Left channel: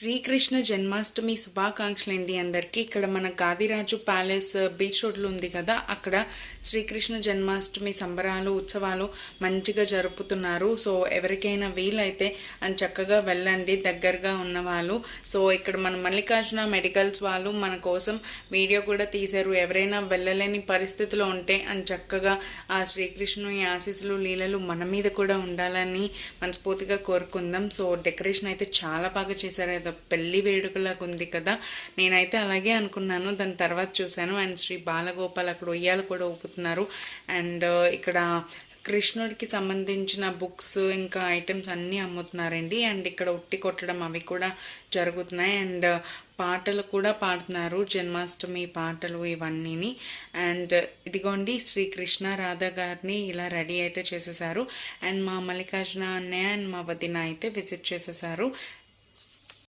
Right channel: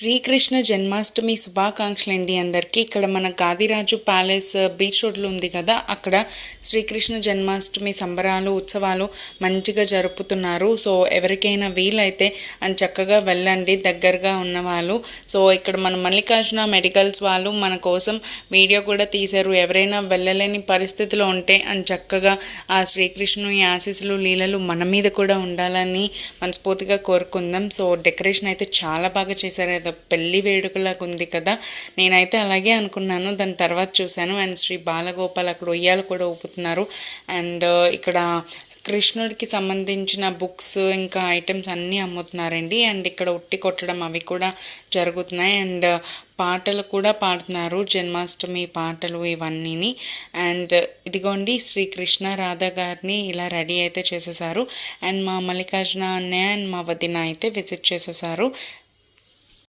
శ్రీకృష్ణ జన్మాష్టమి శుభాకాంక్షలండి అందరికీ. ఇక్కడ మన గాదిరాజు ప్యాలెస్ బీచ్ రోడ్లో ఉంది కదా, అక్కడ శ్రీకృష్ణ జన్మాష్టమి సంబరాలు ఉత్సవాలు మంచిగా జరుపుతున్నారు. సో ఎవరికైనా వీలైతే అని చక్కగా వెళ్ళండి, దగ్గరగా ఉన్నవాళ్ళు. సో ఇక్కడ మన మల్లికార్జున మెడికల్స్ వాళ్ళు మన కోసం వీడియో కూడా తీశారు. ఎవరైనా వెళ్ళలేని పరిస్థితిలో ఉంటే అని చక్కగా ఆ శ్రీకృష్ణుని ఆశీస్సులు లీలలు మన మీద కూడా ఉండాలని మనస్ఫూర్తిగా కోరుకుందాం. సో డెకరేషన్ అయితే చాలా బాగా చేశారు. పెళ్లి వేడుకలాగా ఉంది కదా, నేనైతే అలాగే అనుకున్నాను. దాని తర్వాత చూశాను. అండ్ శ్రీ బాలగోపాల్ అక్కడ ఉయ్యాలు కూడా ఊపుతున్నారు. అండ్ ఇక్కడ కృష్ణుడికి సంబంధించిన బుక్స్ ఇంకా ఐటమ్స్ అన్నీ అమ్ముతున్నారండి. అండ్ ఇక్కడ ఉట్టి కొట్టడం అవి కూడా జరుగుతున్నాయి. అండ్ పాటలు కూడా పాడుతున్నారు, జన్మాష్టమి పాటలు ఇవన్నీని. అండ్ ఇదిగోండి శ్రీకృష్ణ రాధ గారిని ఇలా రెడీ అయితే చేసేసారు. అండ్ మా మల్లికార్జున అన్నయ్య అండ్ మా వదిన అయితే విజిట్ చేసేసారు.